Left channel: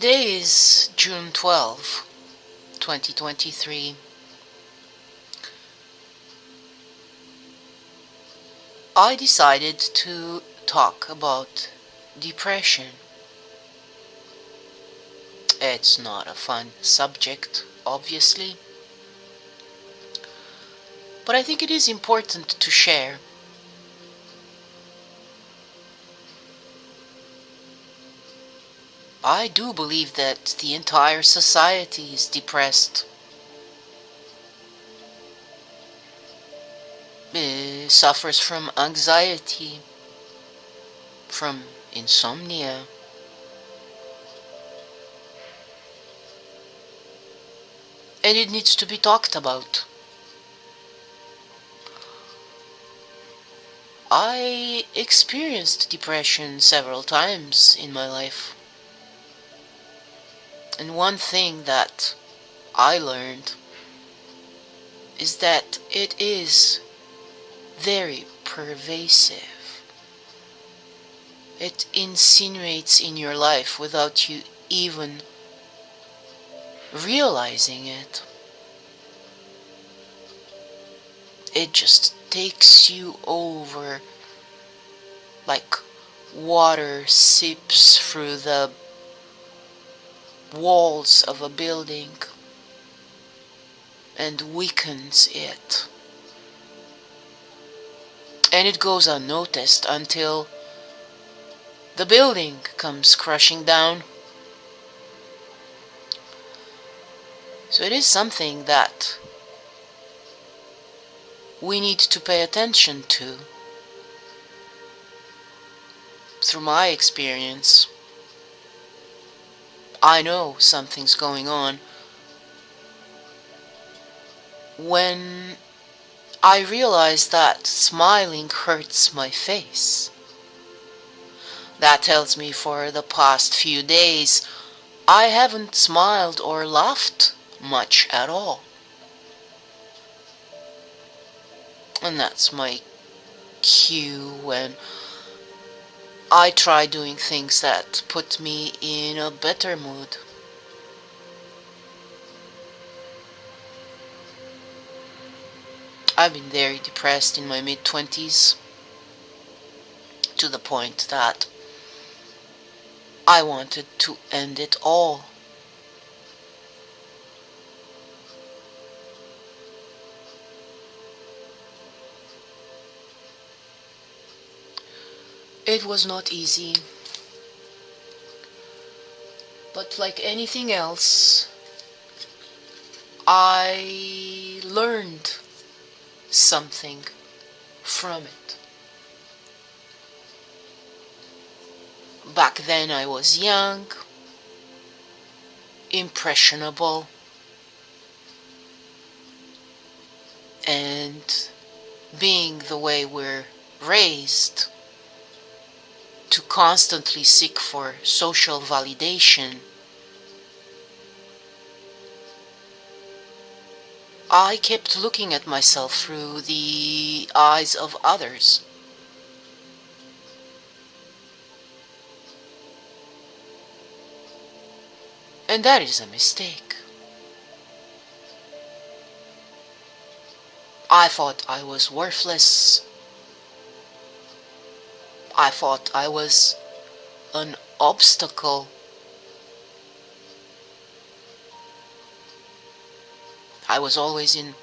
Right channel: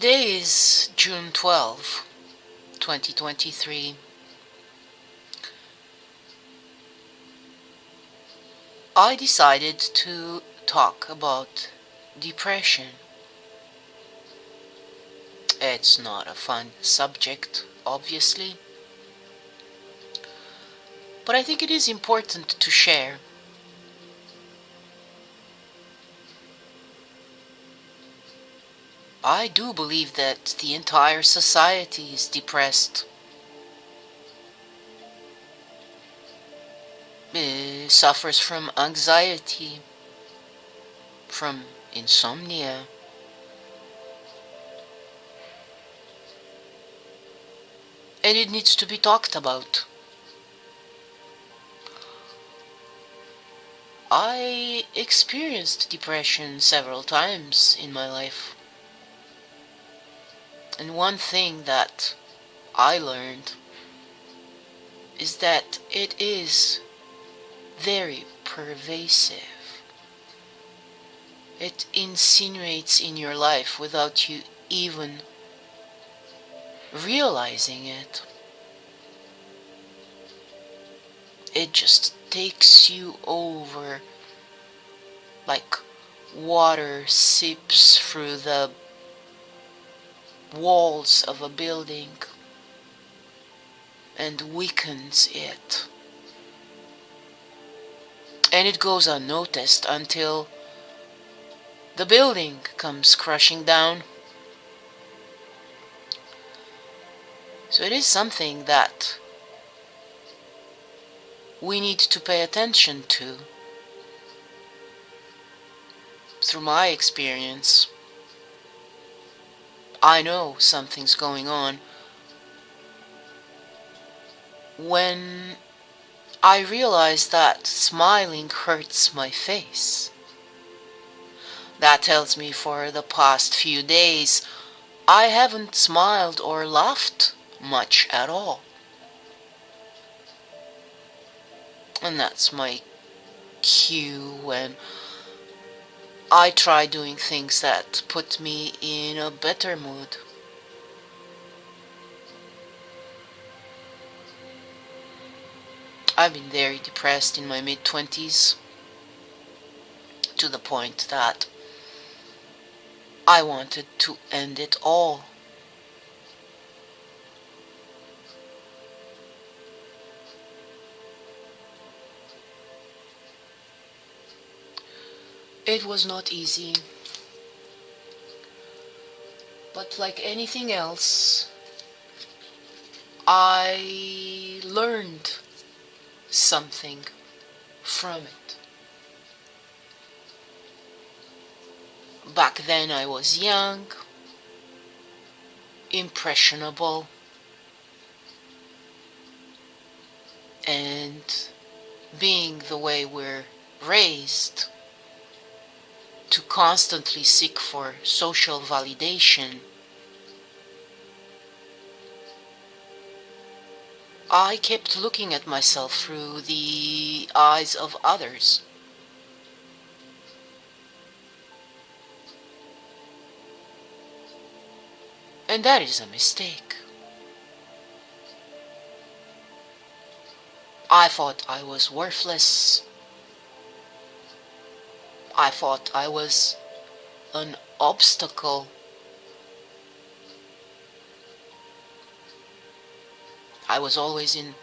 Today is June 12, 2023. I decided to talk about depression. It's not a fun subject, obviously, but I think it is important to share. I do believe that the entire society is depressed, suffers from anxiety, from insomnia, and it needs to be talked about. I experienced depression several times in my life. And one thing that I learned is that it is very pervasive. It insinuates in your life without you even realizing it. It just takes you over like water seeps through the walls of a building and weakens it. And it goes unnoticed until the building comes crashing down. So it is something that we need to pay attention to. Through my experience, I know something's going on when I realize that smiling hurts my face. That tells me for the past few days I haven't smiled or laughed much at all. And that's my cue when I try doing things that put me in a better mood. I've been very depressed in my mid-20s to the point that I wanted to end it all. It was not easy, but like anything else, I learned something from it. Back then I was young, impressionable, and being the way we're raised to constantly seek for social validation, I kept looking at myself through the eyes of others. And that is a mistake. I thought I was worthless. I thought I was an obstacle. I was always in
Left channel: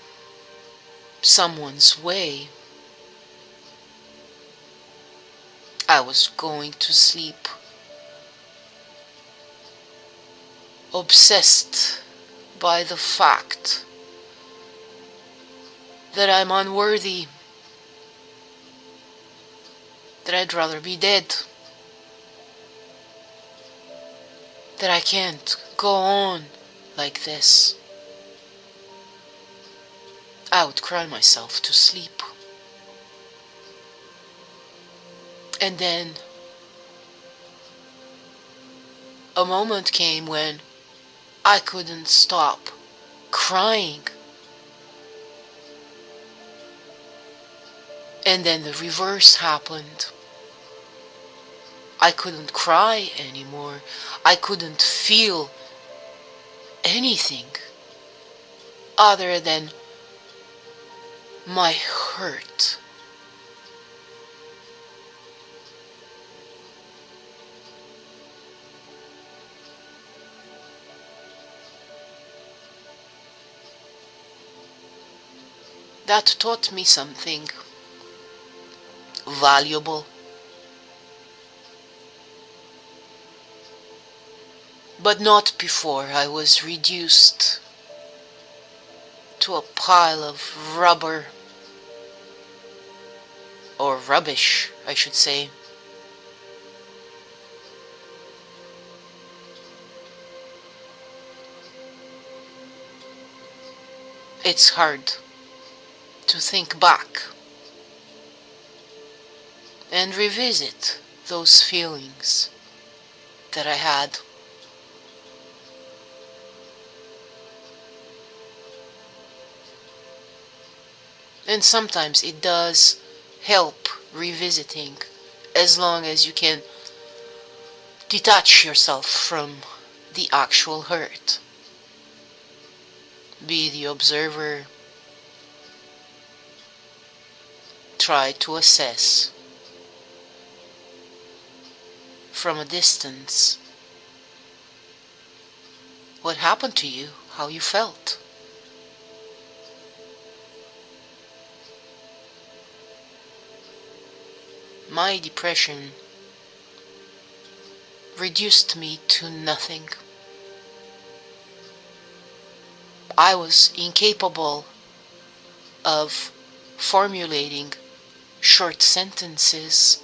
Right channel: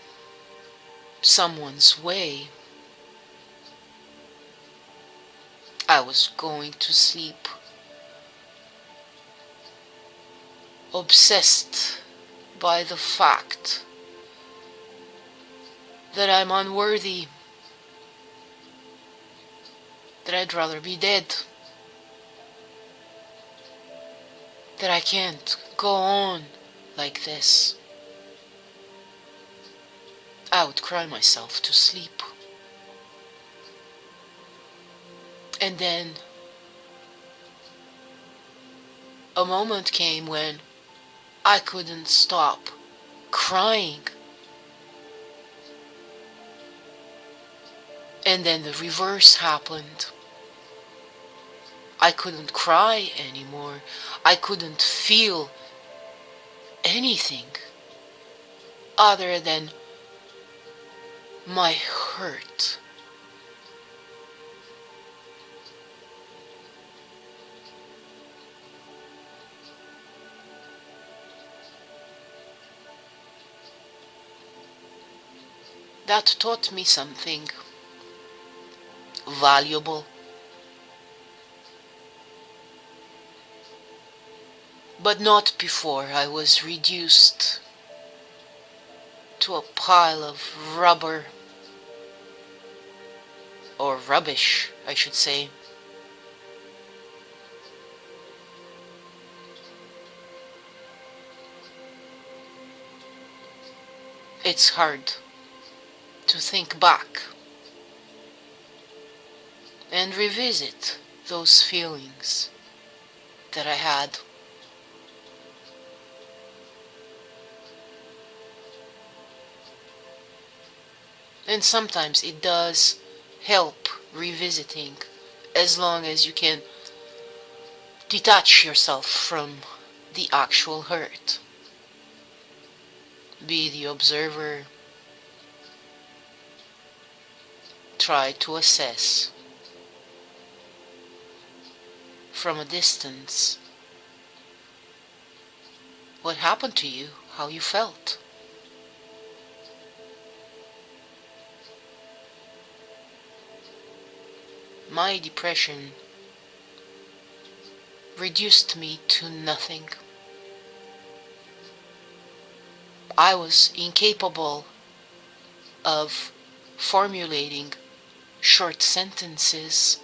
someone's way. I was going to sleep obsessed by the fact that I'm unworthy, that I'd rather be dead, that I can't go on like this. I would cry myself to sleep. And then a moment came when I couldn't stop crying. And then the reverse happened. I couldn't cry anymore. I couldn't feel anything other than my hurt. That taught me something valuable. But not before I was reduced to a pile of rubber, or rubbish, I should say. It's hard to think back and revisit those feelings that I had. And sometimes it does help revisiting, as long as you can detach yourself from the actual hurt. Be the observer. Try to assess from a distance what happened to you, how you felt. My depression reduced me to nothing. I was incapable of formulating short sentences.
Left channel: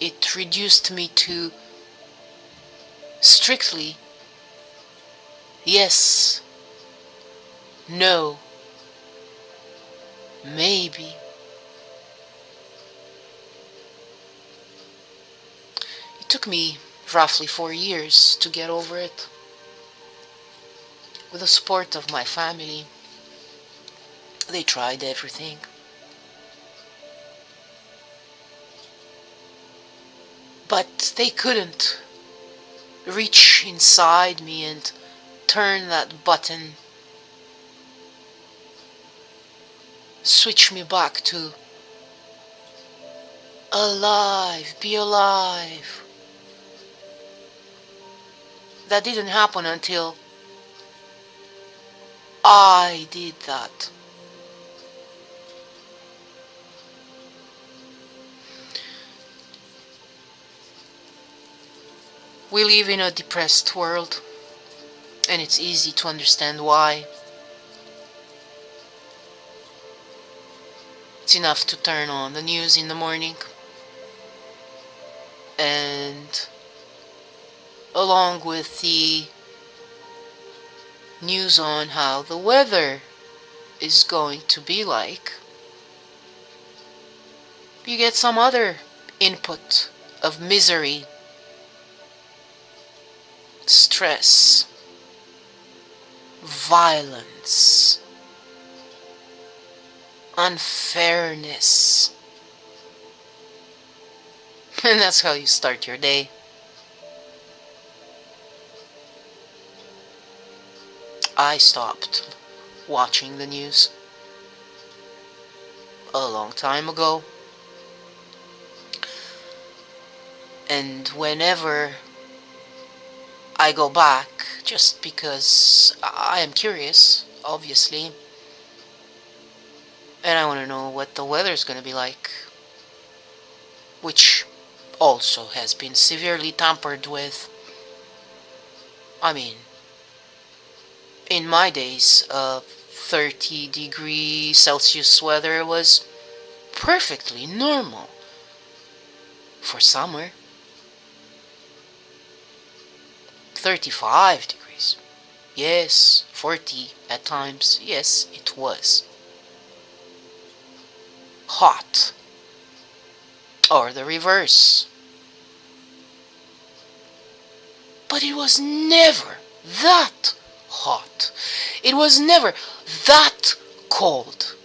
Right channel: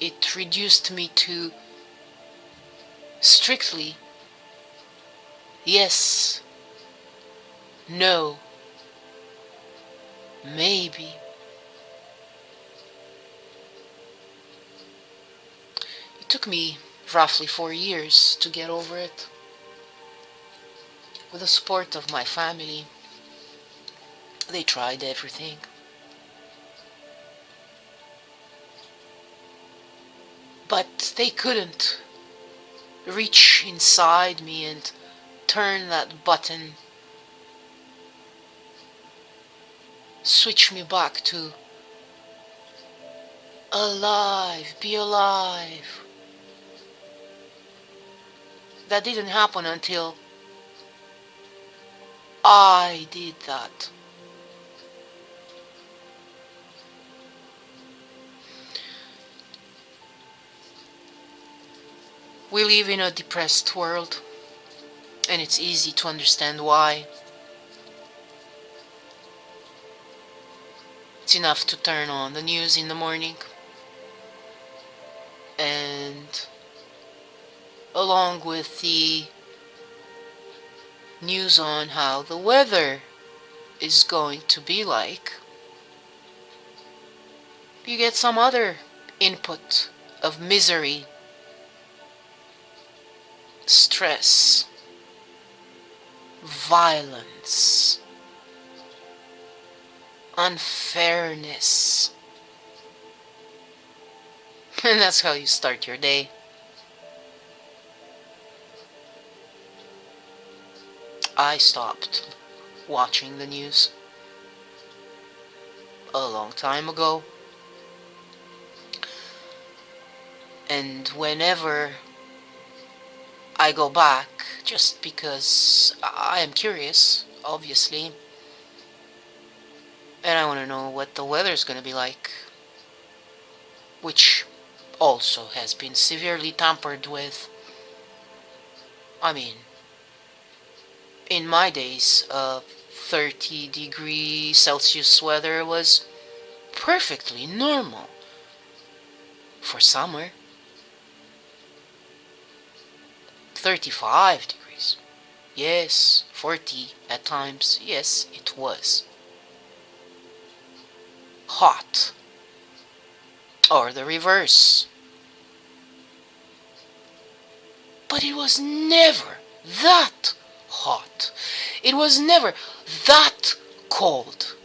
It reduced me to strictly yes, no, maybe. It took me roughly 4 years to get over it. With the support of my family, they tried everything. But they couldn't reach inside me and turn that button, switch me back to alive, be alive. That didn't happen until I did that. We live in a depressed world, and it's easy to understand why. It's enough to turn on the news in the morning, and along with the news on how the weather is going to be like, you get some other input of misery, stress, violence, unfairness. And that's how you start your day. I stopped watching the news a long time ago. And whenever I go back, just because I am curious, obviously, and I want to know what the weather's going to be like, which also has been severely tampered with. I mean, in my days, 30 Celsius weather was perfectly normal for summer. 35 degrees. Yes, 40 at times. Yes, it was hot. Or the reverse. But it was never that hot. It was never that cold.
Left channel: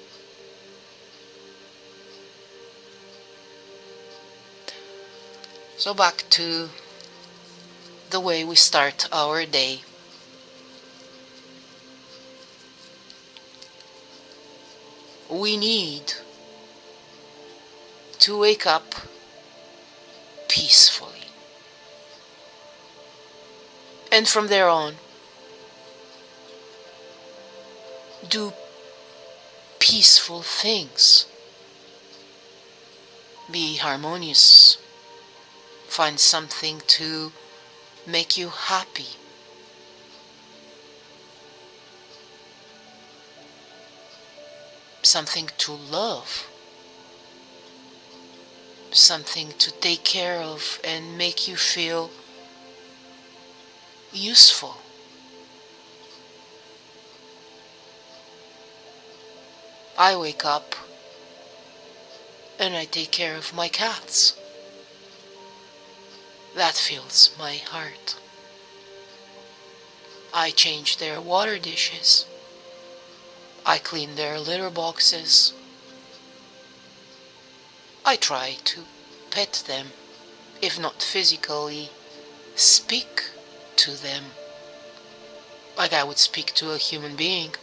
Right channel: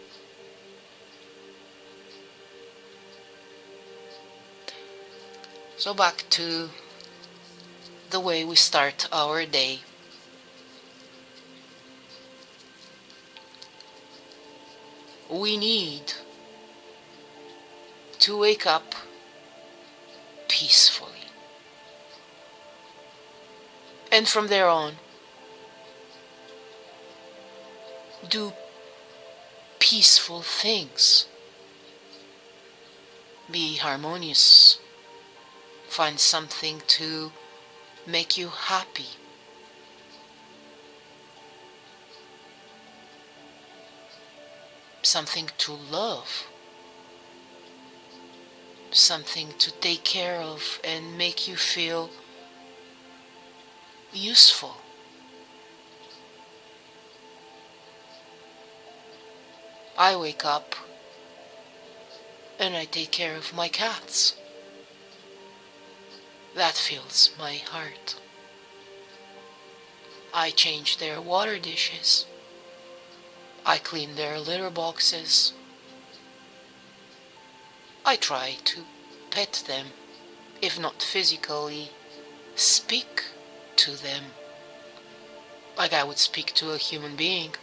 So back to the way we start our day. We need to wake up peacefully. And from there on, do peaceful things. Be harmonious. Find something to make you happy. Something to love. Something to take care of and make you feel useful. I wake up and I take care of my cats. That fills my heart. I change their water dishes. I clean their litter boxes. I try to pet them, if not physically, speak to them like I would speak to a human being.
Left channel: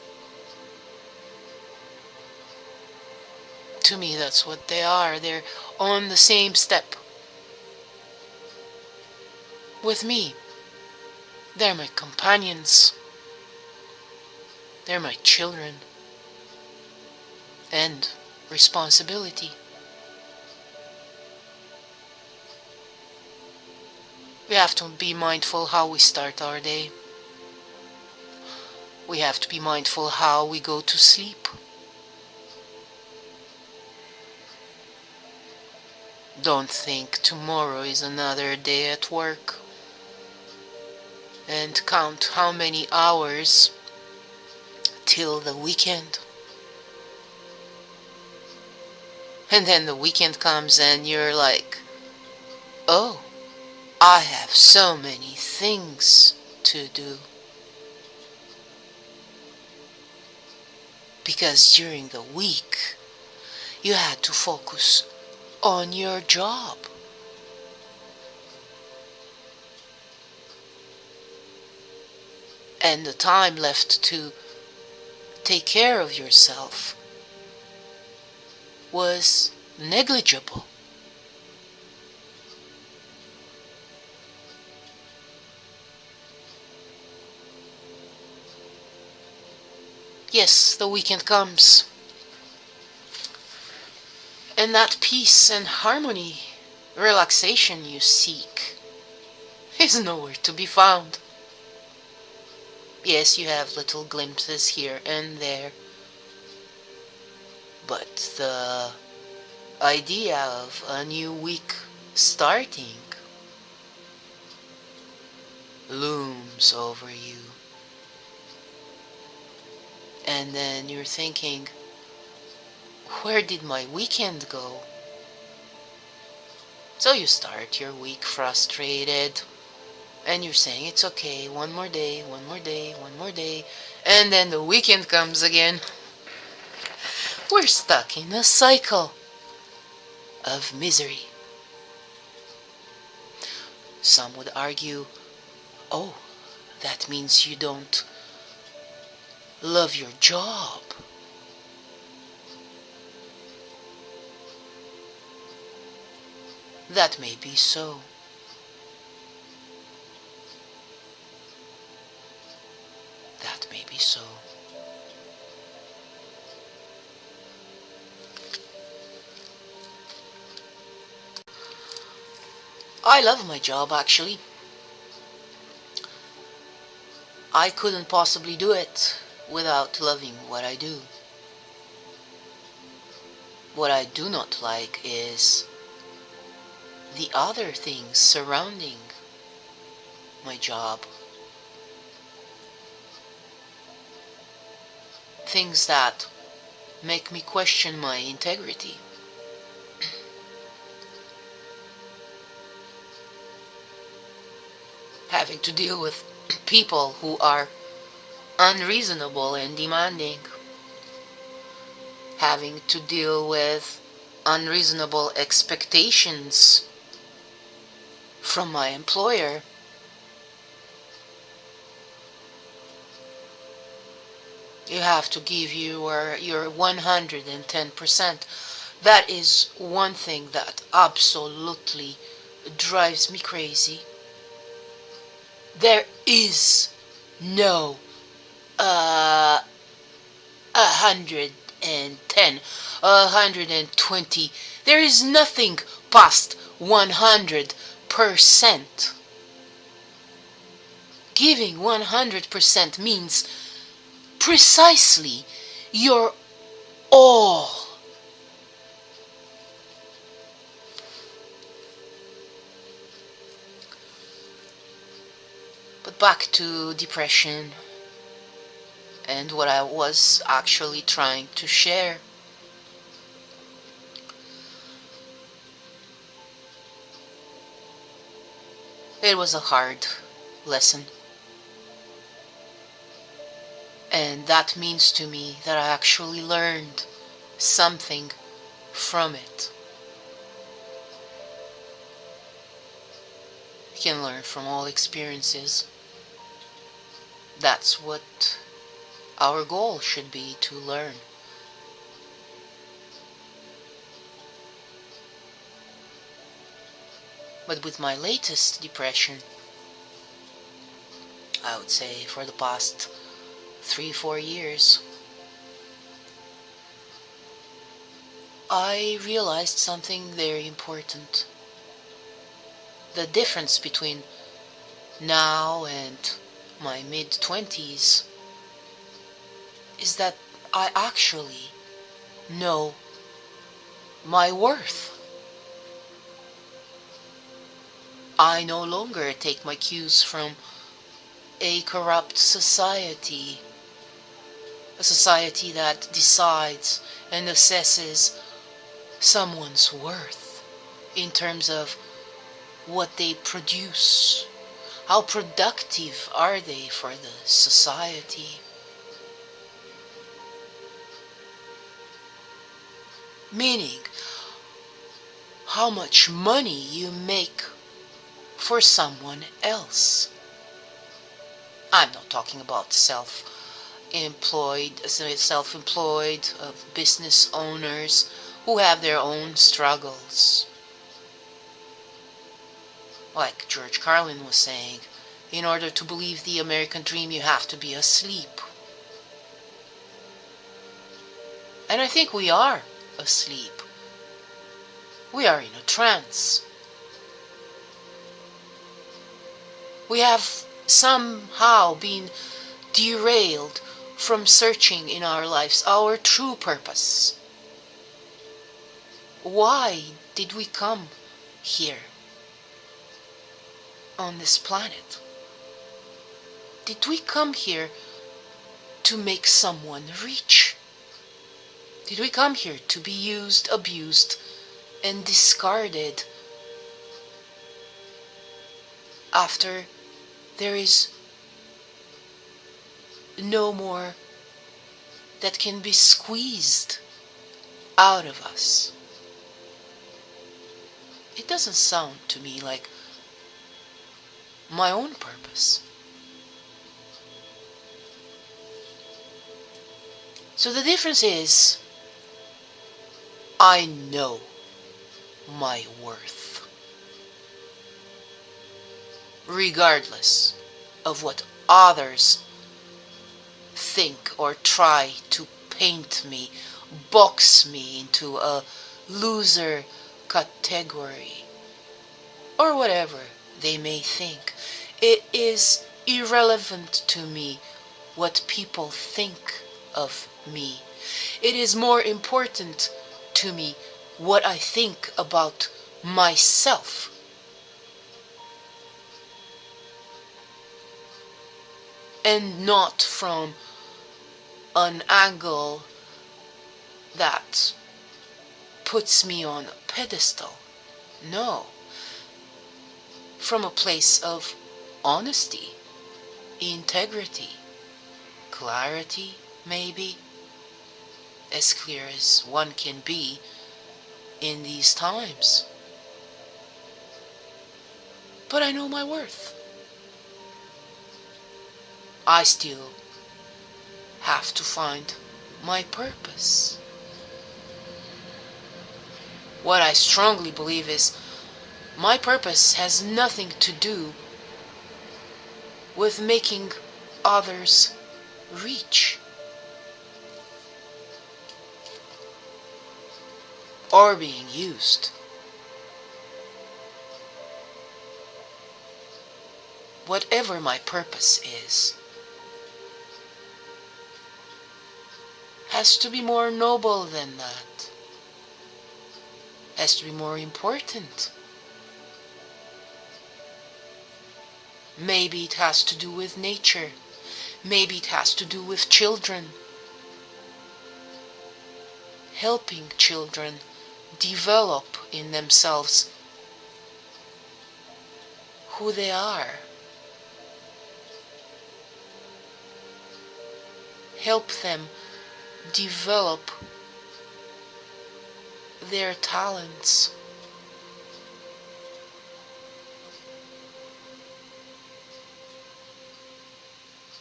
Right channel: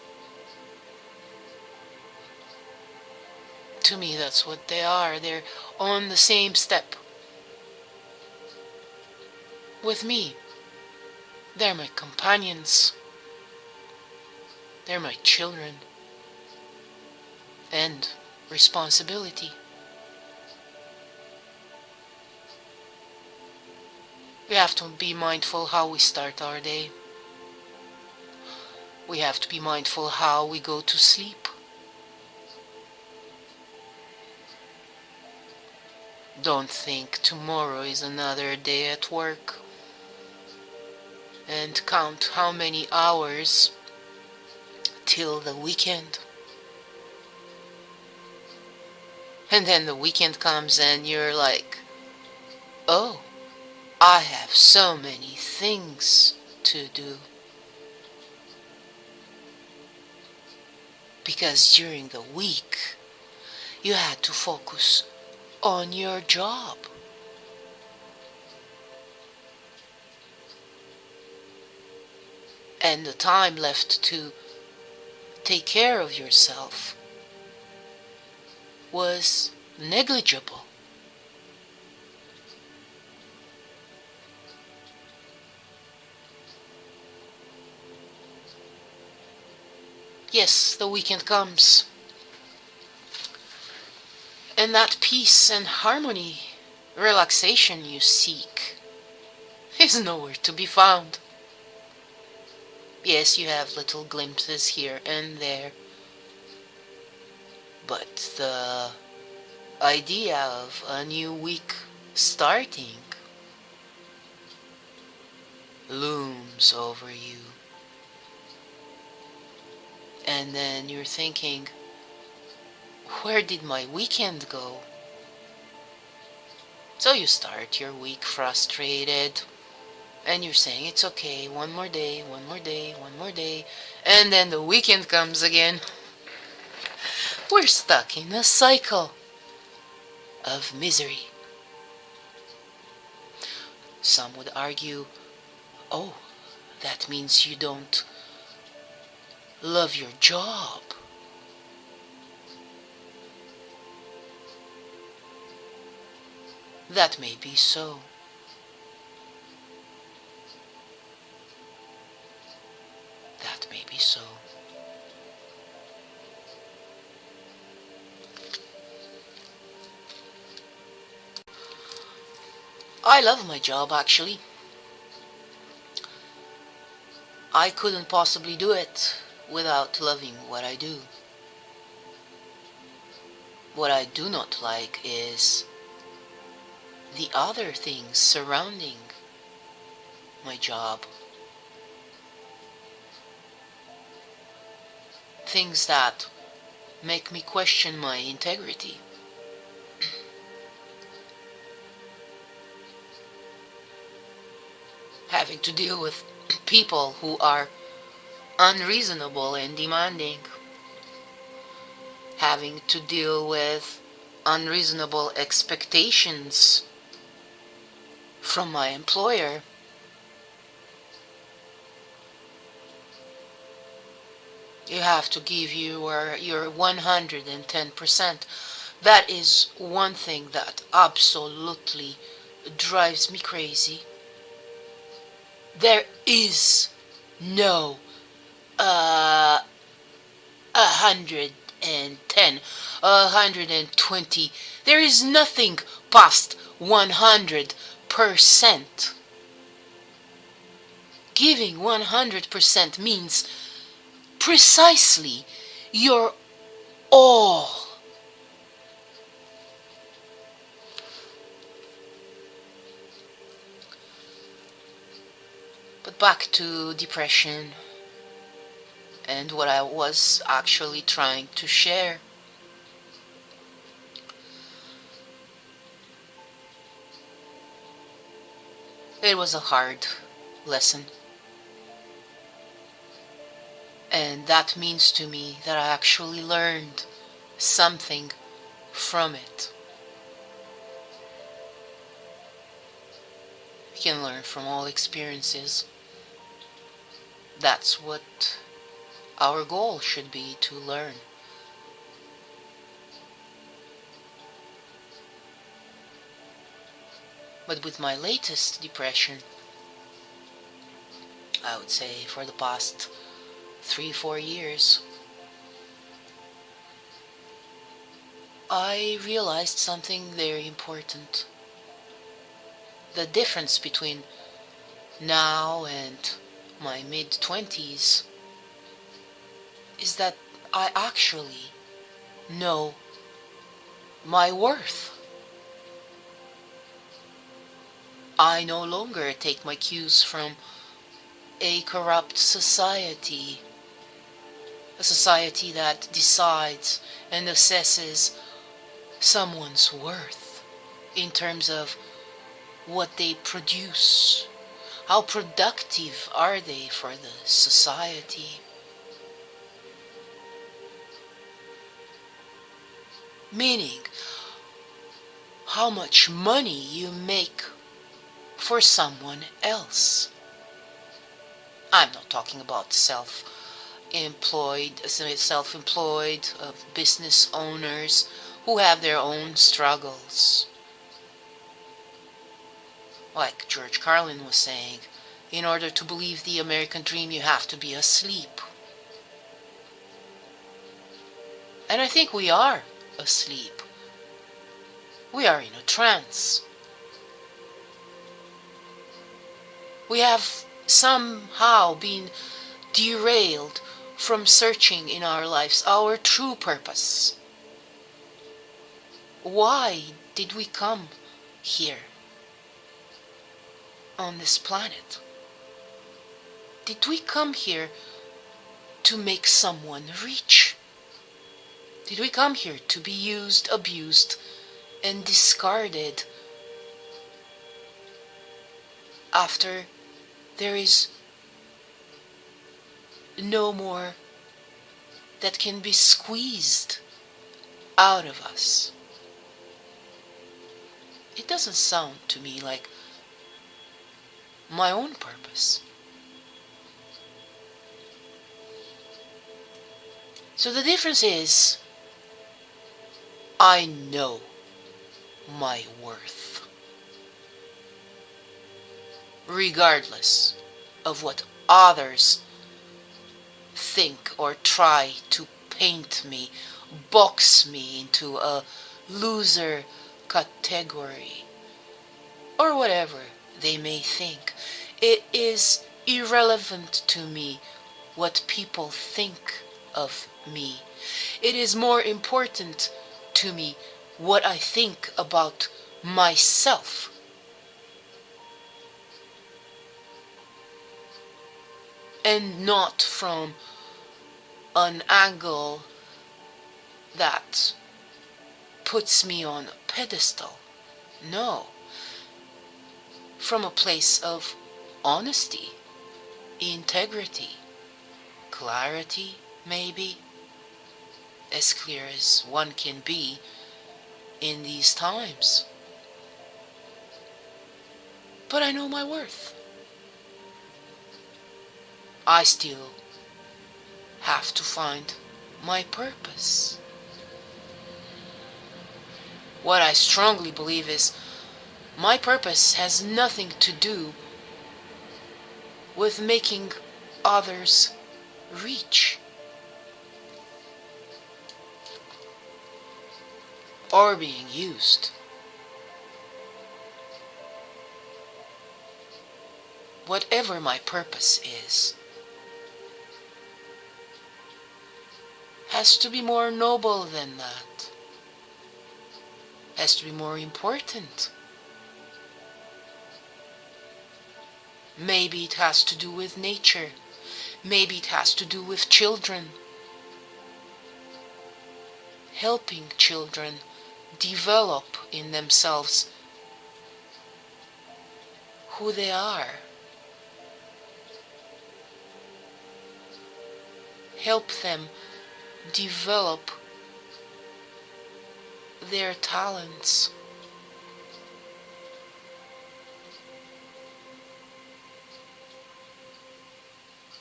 To me, that's what they are. They're on the same step with me. They're my companions. They're my children. And responsibility. We have to be mindful how we start our day. We have to be mindful how we go to sleep. Don't think tomorrow is another day at work. And count how many hours till the weekend. And then the weekend comes and you're like, oh, I have so many things to do. Because during the week, you had to focus on your job. And the time left to take care of yourself was negligible. Yes, the weekend comes. And that peace and harmony, relaxation you seek, is nowhere to be found. Yes, you have little glimpses here and there, but the idea of a new week starting looms over you. And then you're thinking, where did my weekend go? So you start your week frustrated, and you're saying, it's okay, one more day, one more day, one more day, and then the weekend comes again. We're stuck in a cycle of misery. Some would argue, oh, that means you don't love your job. That may be so. That may be so. I love my job, actually. I couldn't possibly do it without loving what I do. What I do not like is the other things surrounding my job. Things that make me question my integrity. Having to deal with people who are unreasonable and demanding. Having to deal with unreasonable expectations from my employer. You have to give your 110%. That is one thing that absolutely drives me crazy. There is no 110, 120. There is nothing past 100%. Giving 100% means precisely your all. But back to depression and what I was actually trying to share. It was a hard lesson. And that means to me that I actually learned something from it. You can learn from all experiences. That's what our goal should be, to learn. But with my latest depression, I would say for the past 3-4 years, I realized something very important. The difference between now and my mid-20s is that I actually know my worth. I no longer take my cues from a corrupt society, a society that decides and assesses someone's worth in terms of what they produce. How productive are they for the society? Meaning, how much money you make for someone else. I'm not talking about self-employed business owners who have their own struggles. Like George Carlin was saying, in order to believe the American dream, you have to be asleep. And I think we are asleep. We are in a trance. We have somehow been derailed from searching in our lives our true purpose. Why did we come here on this planet? Did we come here to make someone rich? Did we come here to be used, abused, and discarded after there is no more that can be squeezed out of us? It doesn't sound to me like my own purpose. So the difference is, I know my worth, regardless of what others think or try to paint me, box me into a loser category, or whatever they may think. It is irrelevant to me what people think of me. It is more important to me what I think about myself. And not from an angle that puts me on a pedestal. No. From a place of honesty, integrity, clarity, maybe. As clear as one can be in these times. but I know my worth. I still have to find my purpose. What I strongly believe is my purpose has nothing to do with making others rich or being used. Whatever my purpose is, has to be more noble than that, has to be more important. Maybe it has to do with nature, maybe it has to do with children, helping children develop in themselves who they are, help them develop their talents.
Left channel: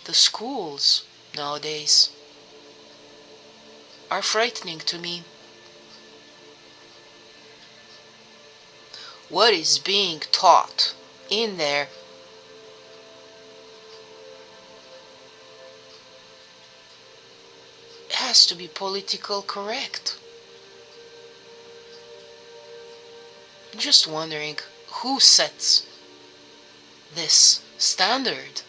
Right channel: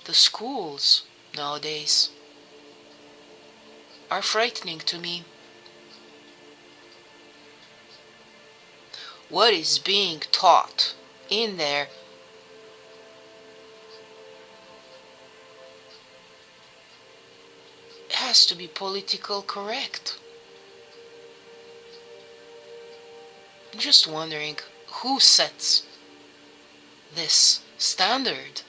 The schools nowadays are frightening to me. What is being taught in there has to be political correct. I'm just wondering who sets this standard.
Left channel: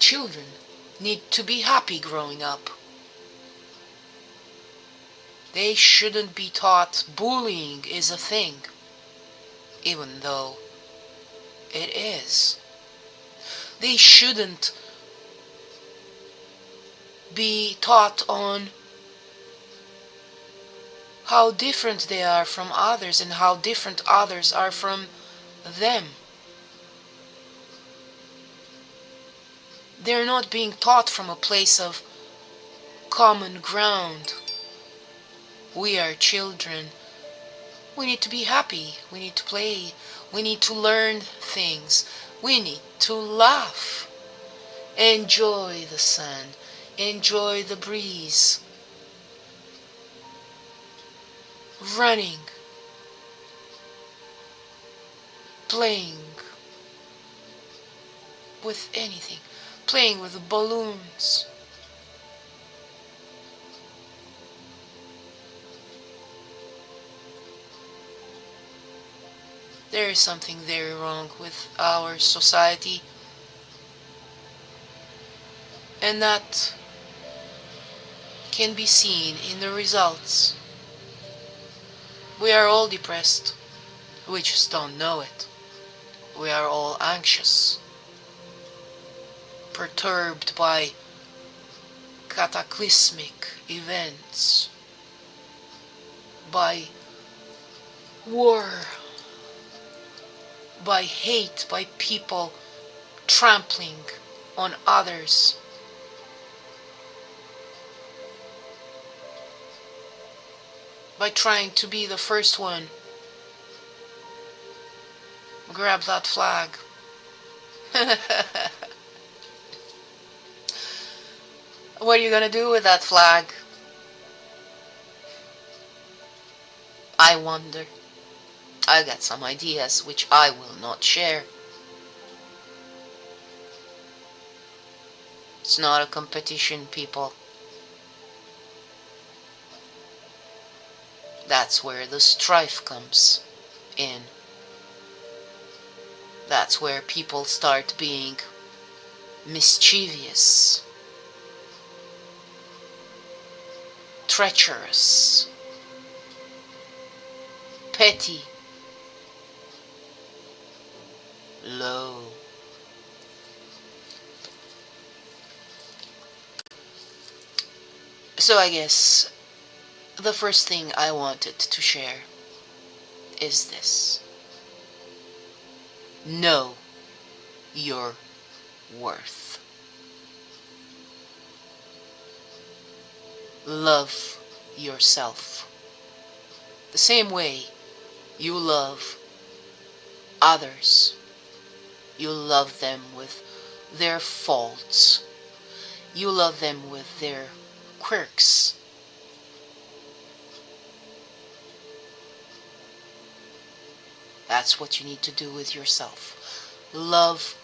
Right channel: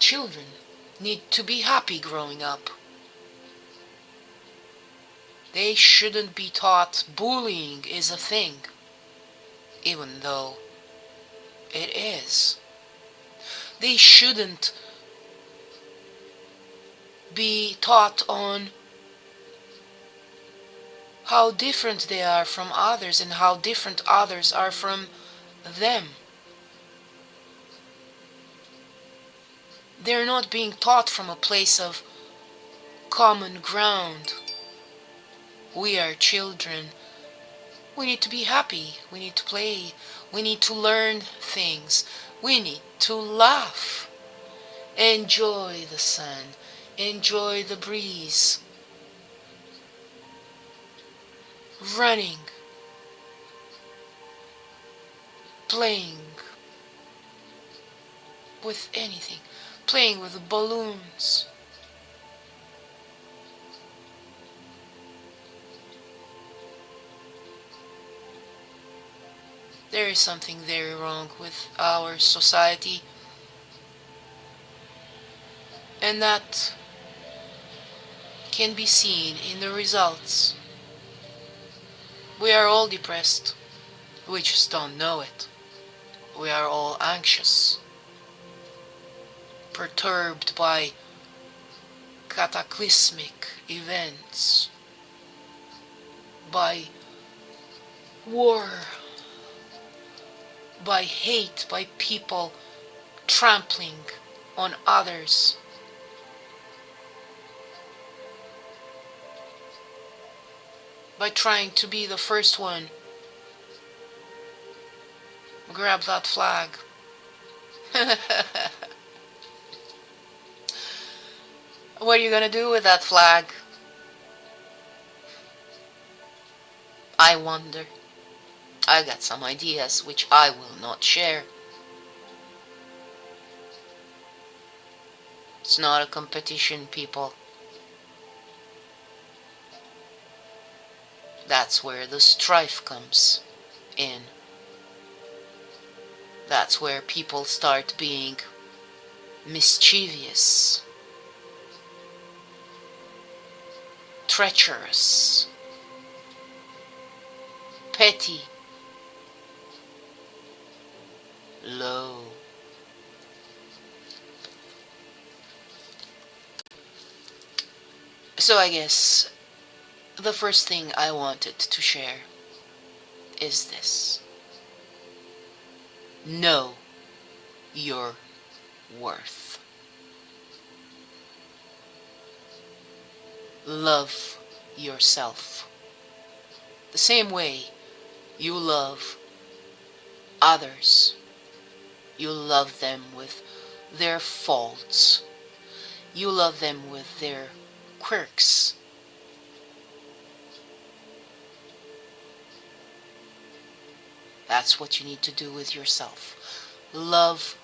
Children need to be happy growing up. They shouldn't be taught bullying is a thing, even though it is. They shouldn't be taught on how different they are from others and how different others are from them. They're not being taught from a place of common ground. We are children. We need to be happy. We need to play. We need to learn things. We need to laugh. Enjoy the sun. Enjoy the breeze. Running. Playing with anything. Playing with balloons. There is something very wrong with our society, and that can be seen in the results. We are all depressed. We just don't know it. We are all anxious, perturbed by cataclysmic events, by war, by hate, by people trampling on others. By trying to be the first one. Grab that flag. What are you gonna do with that flag? I wonder. I got some ideas which I will not share. It's not a competition, people. That's where the strife comes in. That's where people start being mischievous, treacherous, petty, low. So I guess the first thing I wanted to share is this. Know your worth. Love yourself. The same way you love others, you love them with their faults, you love them with their quirks. That's what you need to do with yourself. Love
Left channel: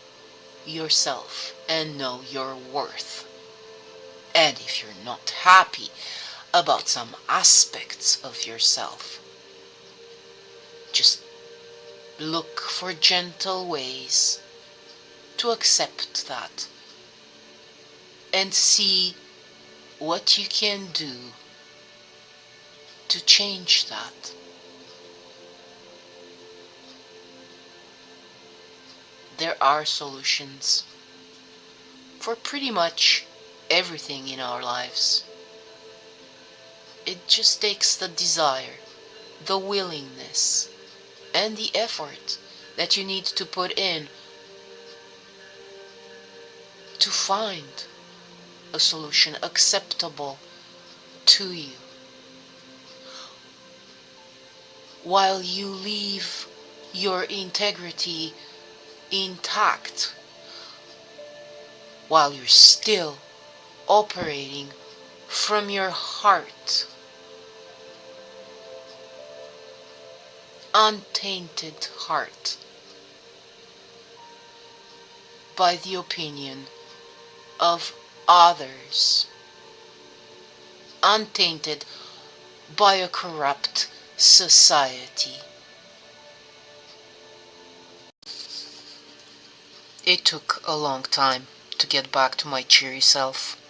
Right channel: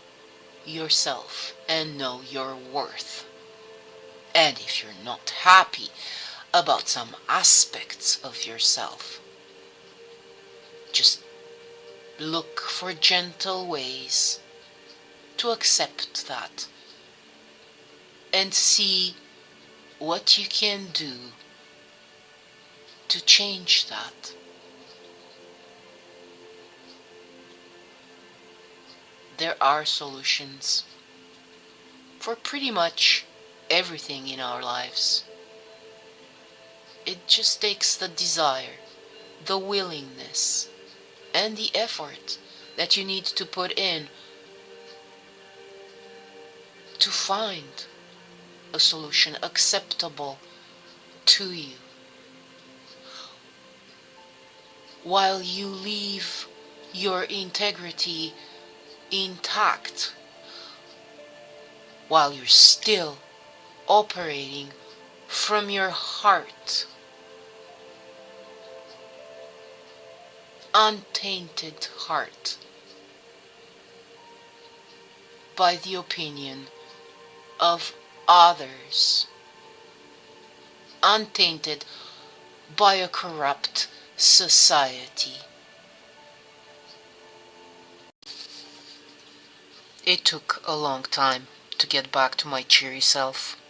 yourself and know your worth. And if you're not happy about some aspects of yourself, just look for gentle ways to accept that and see what you can do to change that. There are solutions for pretty much everything in our lives. It just takes the desire, the willingness, and the effort that you need to put in to find a solution acceptable to you, while you leave your integrity intact, while you're still operating from your heart, untainted heart, by the opinion of others, untainted by a corrupt society. It took a long time to get back to my cheery self.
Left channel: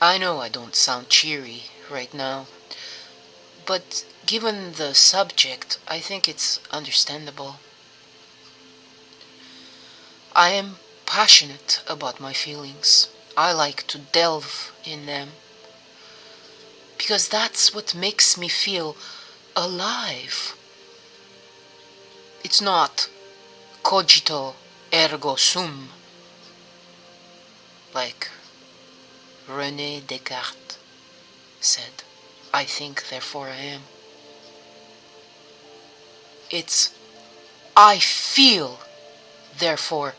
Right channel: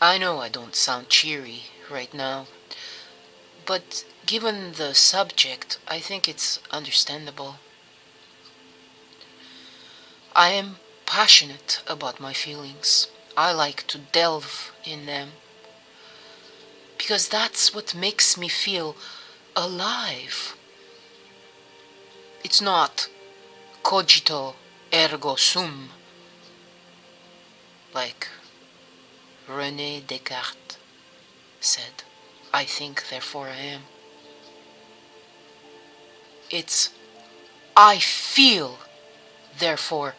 I know I don't sound cheery right now, but given the subject, I think it's understandable. I am passionate about my feelings. I like to delve in them, because that's what makes me feel alive. It's not cogito ergo sum, like René Descartes said, I think, therefore I am. It's I feel, therefore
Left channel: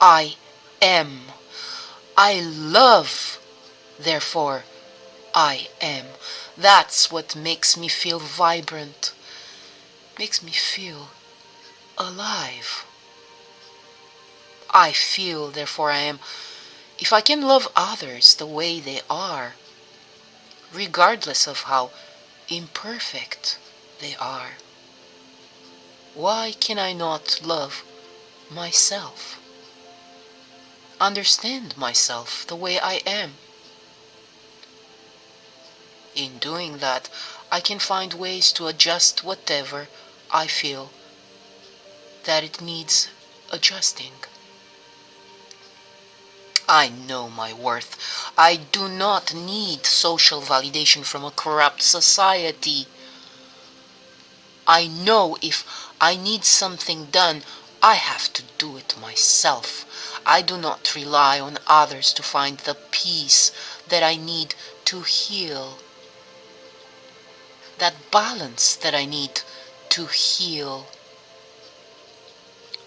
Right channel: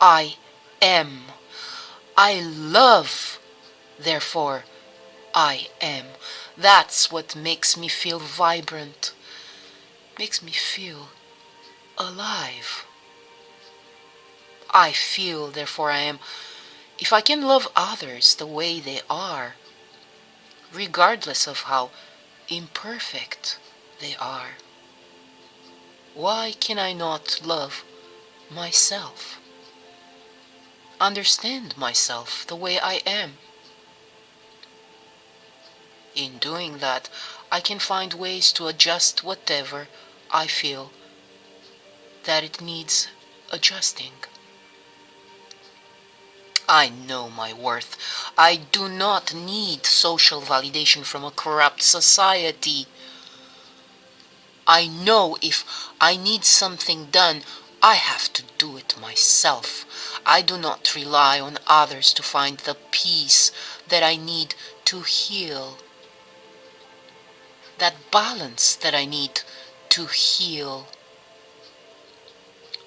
I am. I love, therefore I am. That's what makes me feel vibrant, makes me feel alive. I feel, therefore I am. If I can love others the way they are, regardless of how imperfect they are, why can I not love myself? Understand myself the way I am. In doing that, I can find ways to adjust whatever I feel that it needs adjusting. I know my worth. I do not need social validation from a corrupt society. I know if I need something done, I have to do it myself. I do not rely on others to find the peace that I need to heal, that balance that I need to heal.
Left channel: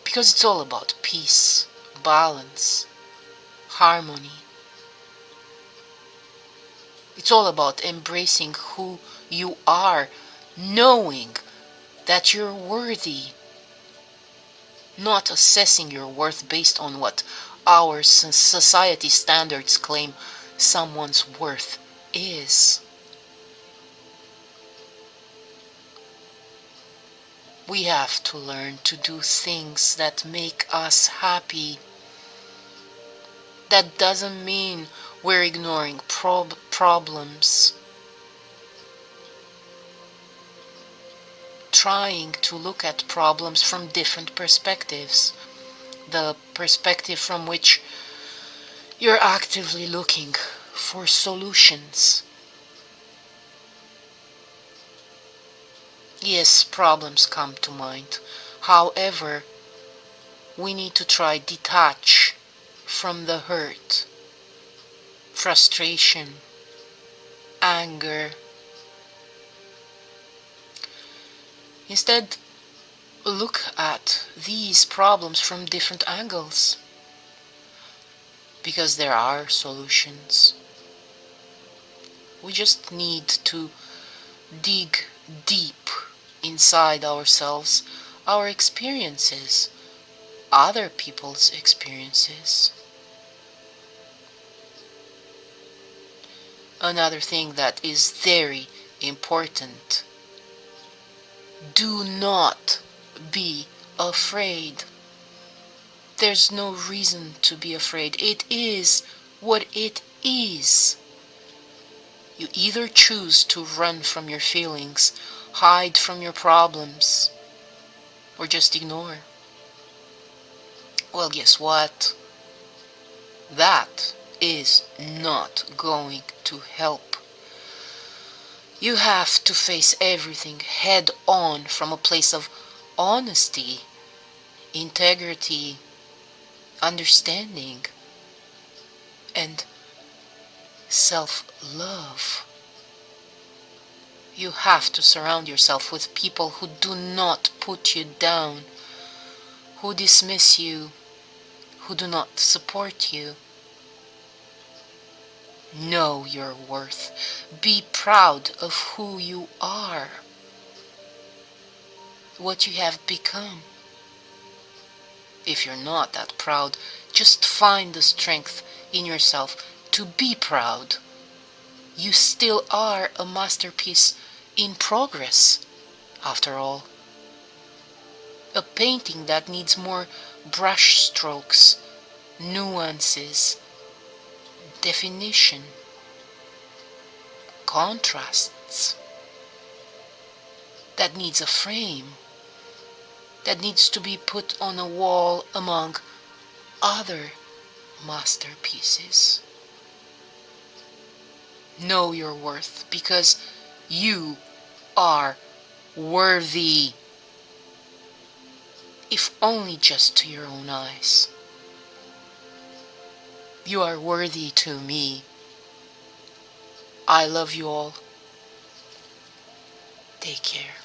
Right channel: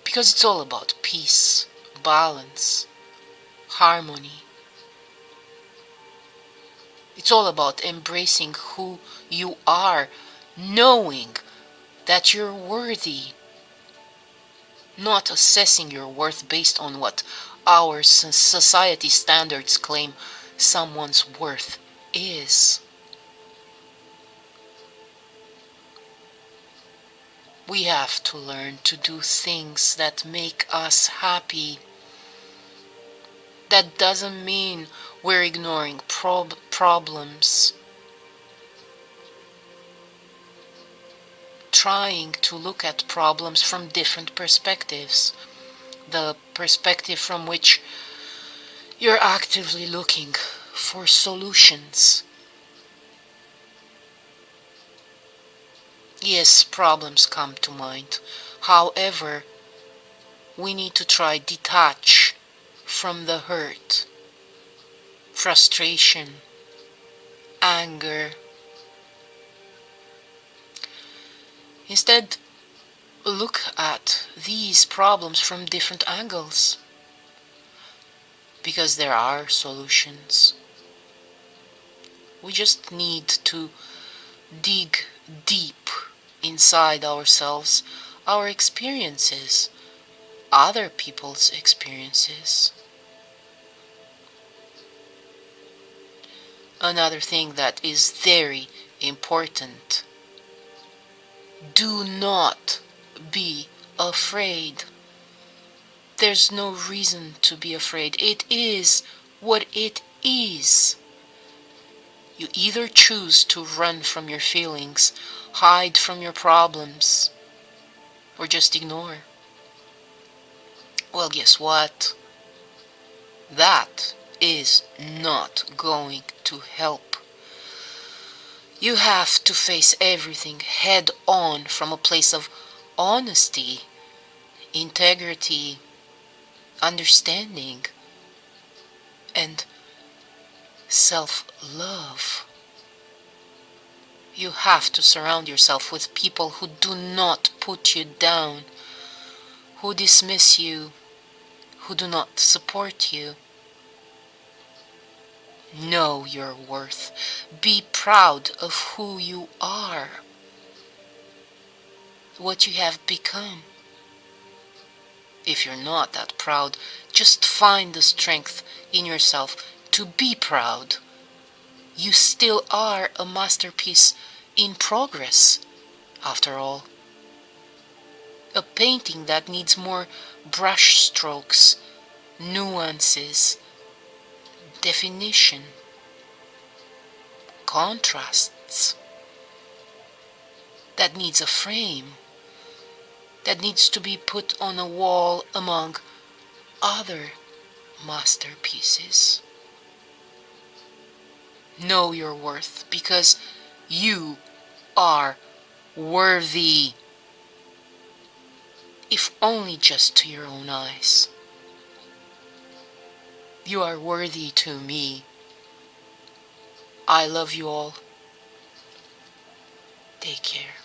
Because it's all about peace, balance, harmony. It's all about embracing who you are, knowing that you're worthy, not assessing your worth based on what our society standards claim someone's worth is. We have to learn to do things that make us happy. That doesn't mean we're ignoring problems. Trying to look at problems from different perspectives. The perspective from which you're actively looking for solutions. Yes, problems come to mind. However, we need to try detach from the hurt, frustration, anger, Instead, look at these problems from different angles, because there are solutions. We just need to dig deep inside ourselves, our experiences, other people's experiences. Another thing that is very important: do not be afraid. There's no reason to be afraid. It is what it is. You either choose to run from your feelings, hide from your problems, or just ignore. Well, guess what? That is not going to help. You have to face everything head on from a place of honesty, integrity, understanding, and self-love. You have to surround yourself with people who do not put you down, who dismiss you, who do not support you. Know your worth. Be proud of who you are, what you have become. If you're not that proud, just find the strength in yourself to be proud. You still are a masterpiece in progress, after all. A painting that needs more brush strokes, nuances, definition, contrasts, that needs a frame, that needs to be put on a wall among other masterpieces. Know your worth, because you are worthy, if only just to your own eyes. You are worthy to me. I love you all. Take care.